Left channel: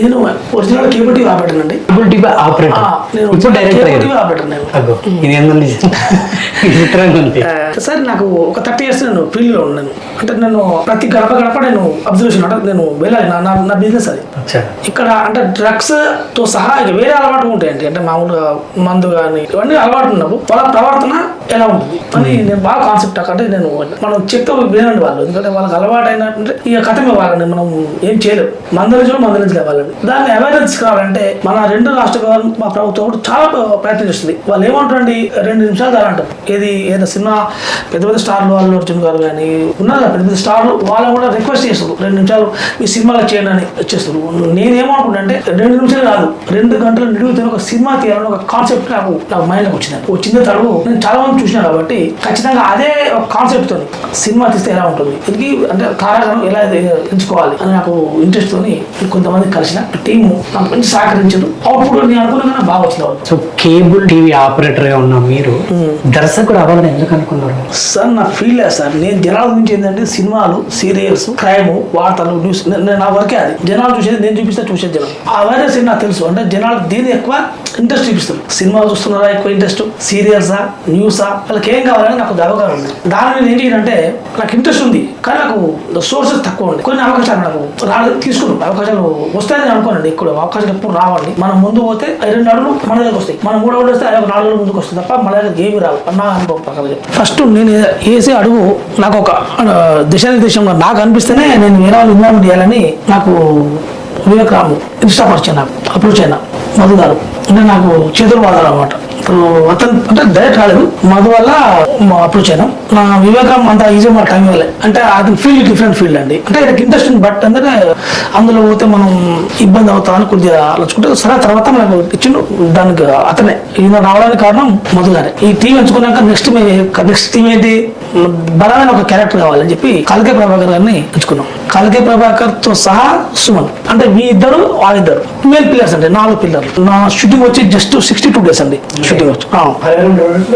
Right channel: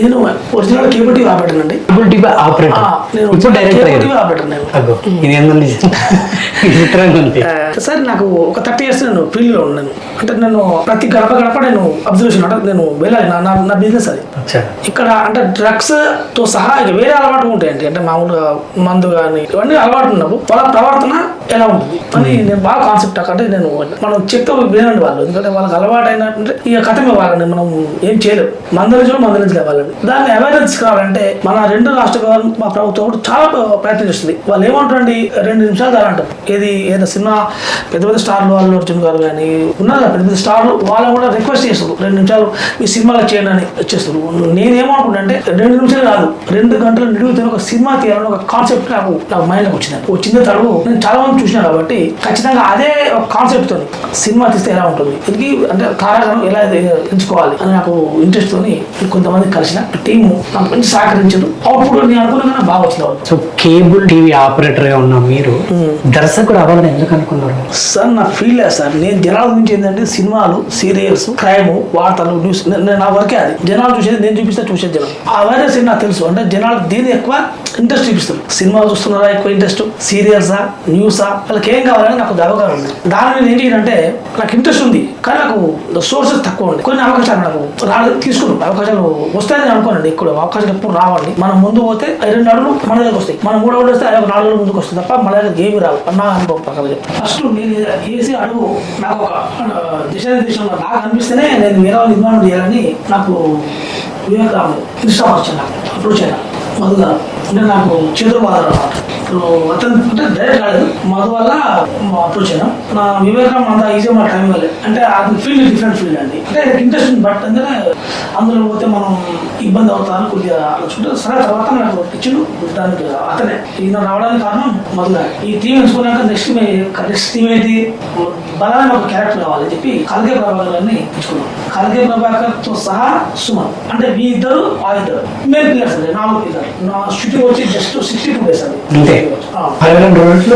నేను original cable TV operator అండి. Cable TV operator. నేను ఇప్పుడు డైరెక్టర్ కేబుల్ టీవీ ఆపరేటర్ నేను. ఇదేందండి విచిత్రంగా ఉంది. సార్ నాకు ఒక 30 years నేను ఫీల్డ్ లో ఉన్నాను. అంటే నేను ప్రతి గడప గడప నేను అబ్జర్వేషన్ అంటే నేను వెళ్ళాలి. నా బిజినెస్ అది. ఇక్కడ అంటే డ్రగ్స్ తో సహా ఇక వేరే అలవాటు ఉంటాయండి. అంటే మామూలుగా మందు కానీ ఇవన్నీ అలవాటు ఉన్నప్పుడు వాళ్ళ ప్రవర్తన ఎలా ఉంటుంది అని నేను బాగా కాన్సెప్ట్. అంటే నేను మనం చెప్తే వినండి వాళ్ళు, ఎందుకంటే వాళ్ళకి అలవాటు అయినట్టు ఇక కథమే వాళ్ళని మనం ఏం చేయలేము. మందలించలే వాళ్ళని. దాన్ని అవేర్నెస్ కావాలంటే మన 2 రాష్ట్ర గవర్నమెంట్ మా ప్రభుత్వం కూడా చాలా ప్రయత్నం చేస్తుంది. వాళ్ళు ఏమంటారండి 2 నిమిషాలు చాలా అంటారు. ఏదైనా సినిమా పెద్ద పెద్ద స్టార్లు అల్లు అర్జున్ గారు కానీ ఉన్నారు పెద్ద పెద్ద స్టార్లు, వాళ్ళని కూడా రిక్వెస్ట్ చేస్తారు 2 నిమిషాలు మీ సినిమాలో చేయండి అని వచ్చేస్తారు. నేనేమనుకుంటా అంటే 2 నిమిషాలు కాదు 2 గంటలు నిలుగుతున్న ఒక సినిమా తీయాలని ఒక కాన్సెప్ట్ నాకు మైండ్లోకి వచ్చింది. వచ్చింది తడుగు నేను చాలా మంది చూసినా కాబట్టి ఖచ్చితంగా అదే ఒక కాన్సెప్ట్ తోని సినిమా తీస్తే ఎలా ఉంటుంది, దీనికి అంటే తారాగణం ఎలా ఎంచుకోవాలి అని నాకు ఇంట్రెస్ట్ తోని కొంతమంది కలిసిన టీము నాకు మంచి సహకరించారు. అప్పుడు నేను అనుకున్నా బాగా వచ్చిన. సో కేబుల్ టీవీ ఆపరేటర్ గా ఉన్న మీరు దర్శకుడు అవ్వాలని ఎందుకు అనుకున్నారు సార్? నా ఫీల్డ్ సార్. నేను జనాల గురించి ఏంటంటే సినిమాలు, సీరియల్స్, క్రైమ్, వార్తలు, న్యూస్ నా వరకే అది. జనాలు చూసేది నేను చూసేది జనం. అవేర్నెస్ నాకు తెలుసు. అంటే జనాలు దీన్ని ఎక్కువ ఇంట్రెస్ట్ చూపిస్తారు. సినిమాలు చూస్తున్నారా ఎక్కువ ఇంట్రెస్ట్, సీరియల్సా, న్యూసా, వాళ్ళకి ఏం కావాలని నాకు అవగాహన ఉంది. దాని మీద ఏం చేయాలంటే నాకు ఇంట్రెస్ట్ ఉంది కానీ నాకు సోర్సెస్ తక్కువ ఉంది. కొన్ని అవకాశాలు నాకు తీసుకున్నాం. అవకాశాలు వస్తాయని అనుకోనండి. ఎక్కువ అవకాశాలు ఎప్పుడు రావండి. మనం ముందు పోతే 2 అడుగులు మన దగ్గరకు వస్తాయి. మనం 3 అడుగులు వస్తే 4 అడుగులు ముందుకు వస్తుంది తప్ప మన దగ్గర ఏమి రావు. నా అనుభవం ప్రకారం ఫస్ట్ నేను వేసే అడుగు నాకు ఒక దిశానిర్దేశంలో నాకు అనిపిస్తేనే నేను వేరే వాళ్ళు ఇన్వాల్వ్ చేయాలని నాకు వివేక్ రాము ఇన్స్టాఫ్ నాకు అప్రోచ్ అయినా మధు గారు. అంటే నాకు చేతులు బాధారు అనమాట. అతను అంటే డైరెక్ట్ కాలేదు, మధు వల్ల అప్రోచ్ అయినా. నా వివేకం అంత ఈజీ మన టైం ఇవ్వలేదు. అంటే అది ఫీల్డ్ డిఫరెంట్ ఫీల్డ్ అండి. అంటే నాకు ఇంట్రెస్ట్ బట్ అంటే అందులో పోతే మనం ఇబ్బంది అవుతామని కొద్దిగా ఆలోచుకుంటే సరే తర్వాత నాకు ఇచ్చిండు. దానికి అతనే ఈయన రావడానికి కారణం మధు గారే. ఈ టీం ఎంచుకున్నాక నెక్స్ట్ టీం ఏంటి, బలమైన ఒక క్యారెక్టర్ కావాలని చెప్పి కాలికే ప్రభాకర్ గారిని ఎంచుకున్నాం. కాలికే ప్రభాకర్ తో సహా సుమన్, అంటే మీ ఇద్దరు వాళ్ళిద్దరు మెయిన్ పిల్లర్స్ అంటే 4 పిల్లర్లు. నా షూటింగ్ వచ్చి జస్ట్ 62 days అండి.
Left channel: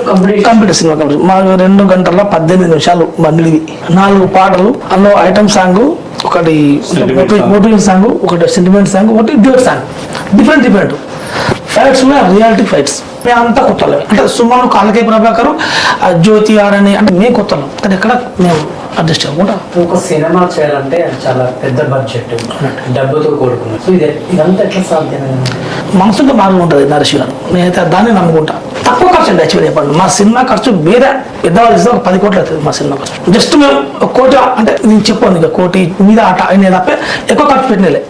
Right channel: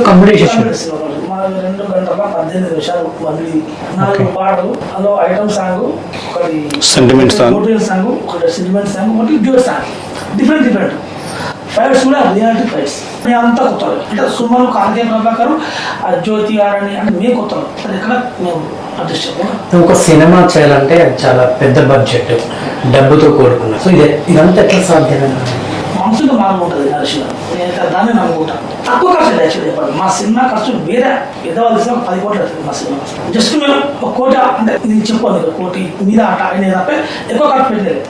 కంప్యూటర్ సినిమా మా 2 గంటల 18 నిమిషాలు మళ్ళీ 4 పాటలు, అందులో ఐటమ్ సాంగ్, ఒకటి మోటివేషన్ సాంగ్, ఒకటి సెంటిమెంట్ సాంగ్, ఒకటి డ్యూయట్ సాంగ్. డిఫరెంట్ ఫైట్స్ కూడా రియాలిటీ ఫైట్స్. మేము అంతా కొత్తలే. అంటే సుమన్, కాలకే ప్రభాకర్, జ్యోతి ఆరని అంటే మేము కొత్తలు. కానీ ఎక్కడ మేము అడ్జస్ట్ అవ్వకుండా ఒక సినిమా చేయాలంటే చాలా పెద్ద బడ్జెట్, డబ్బుతో కూడుకున్నా. సో ఇదంతా ఎట్లా సాధ్యమైన? మనసుతో మార్గం ఉంటుంది నరేష్ గారు. నేనైతే దాన్ని నమ్ముకుంటా. తక్కువ ఖర్చు అండి యాక్చువల్లీ చెప్పండి. మా సినిమా ఖర్చు వేరే పెద్దవాళ్ళు ఇస్తే ఒక 10 కోట్లు అవుతుంది మా సినిమా ఖర్చు. జస్ట్ మేము 1 కోటి అంటే నేను చెప్పాను, 1 కోటి మీద ఆట అయినా తప్ప ఎక్కువ ఖర్చు పెట్టినలే.